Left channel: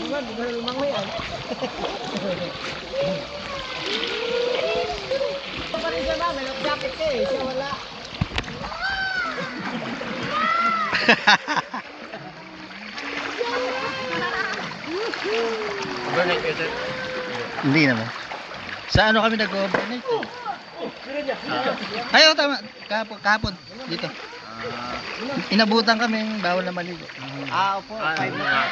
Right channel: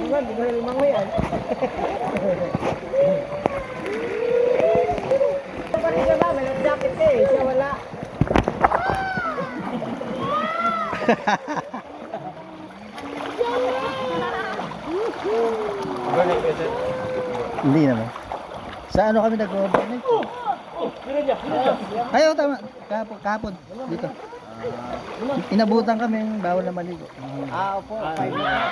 naman, di ba lumangoy yan? Kapatid ko namin, nag-jacket ko eh, siya wala. Overnight kayo, sir? Hindi naman. Sa ano kami nag-overnight? Ayaw, tama. Kahapon. Dito. Inabutan kami, bawal na maligo. Opo, 5 na.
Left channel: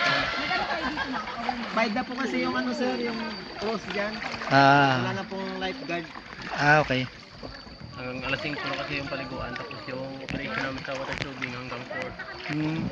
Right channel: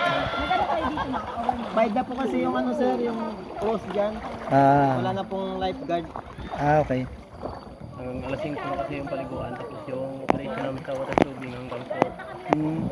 5 na po kasi yung ano sir, yung cross dyan. Wala na pong lifeguard. Okay. Hanggang alas 5 na kasi yung paliguan. Tapos yung operation namin sa water tubing hanggang 4. Hmm.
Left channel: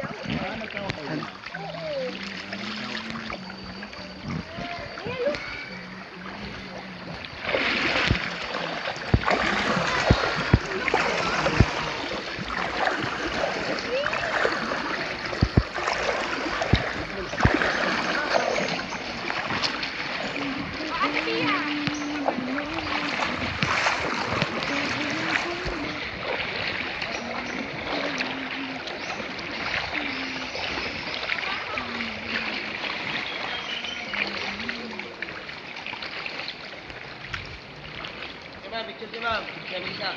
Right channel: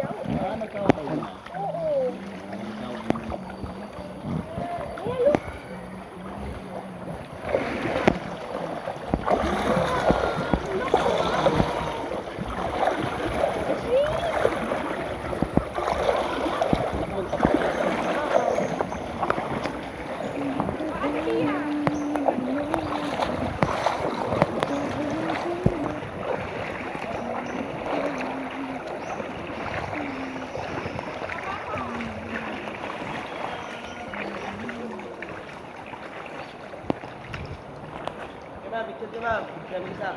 Picture di ba? Picture bisa.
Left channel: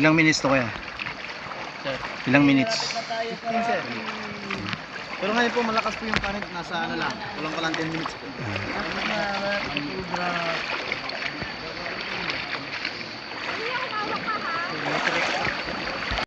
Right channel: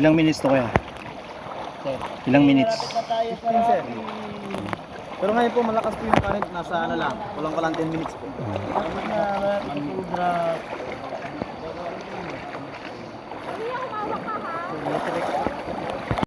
Ilang minutes to kaya? Sir. Ilang minutes? 15 sir. Pero ngayon po malakas po yung current, nasa ano lang, kulang ka lang 10 minutes po.